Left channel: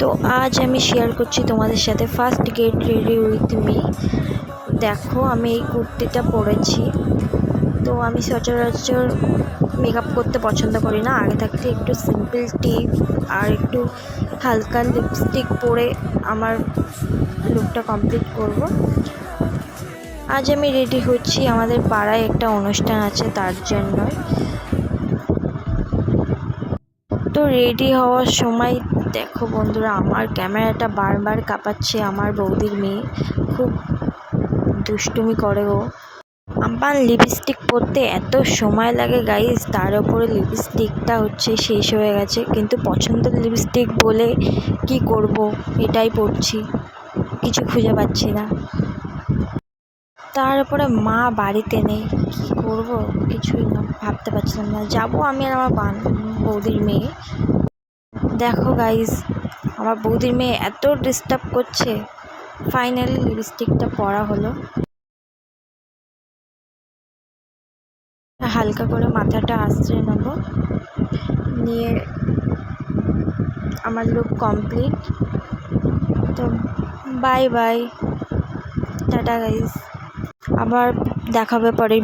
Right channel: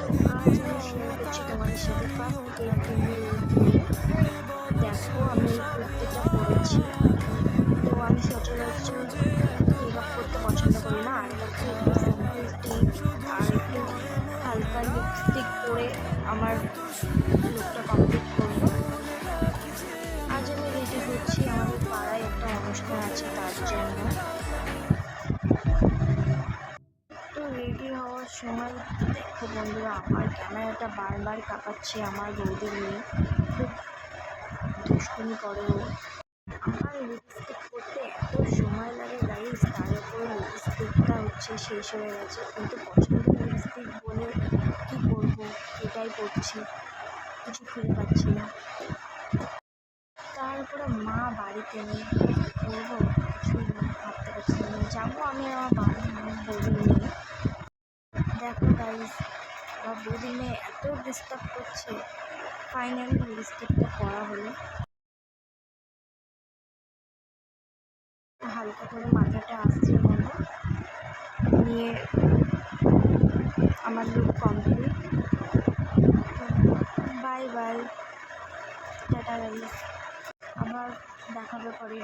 তো আজ আমি শেয়ার করছি তোমাদের সাথে first get ready with me. দেখো আমি এই কুর্তিটা পরেছি। তো আমি সচরাচর মেকআপ করতে পছন্দ করি না, আগে থাকতে একটু সিম্পল টিপ আর একটু হালকা লিপস্টিক পরে আমার লুকটা কমপ্লিট করব। আজ আমি রেডি হচ্ছি, আমাদের পাড়ায় একটা অনুষ্ঠান আছে তার জন্য। তো রেডি হওয়ার সময় দেখো বন্ধুরা, আমার ক্যামেরাটা বারবার কাঁপাচ্ছে। আমার বৌদির মেয়ে খুব দুষ্টুমি করে ও। আমার লিপস্টিক পরতে এত সময় লাগে গাইজ, তার উপরে লিপস্টিকটা শেষ হয়ে গেছে, কিন্তু পছন্দের লিপস্টিক বলে কি করব, এটাই পরছি, কিছু খুঁজে পাচ্ছি না। তার উপরে মা বাড়িতে নেই, কী করবো কিছুই না, ভাবতে পারছিলাম না। যাবো আমি আর আমার বৌদির মেয়ে। দেখো গাইজ, আমার বৌদির মেয়ে এত ডিস্টার্ব করছে, ফাইনালি লিপস্টিকটা পরা হলো। হালকা করে মাথাটা আঁচড়ে নেব, নিয়ে আমার লুক কমপ্লিট। তো বাই বাই, টাটা গাইজ, আবার দেখাবে পরে।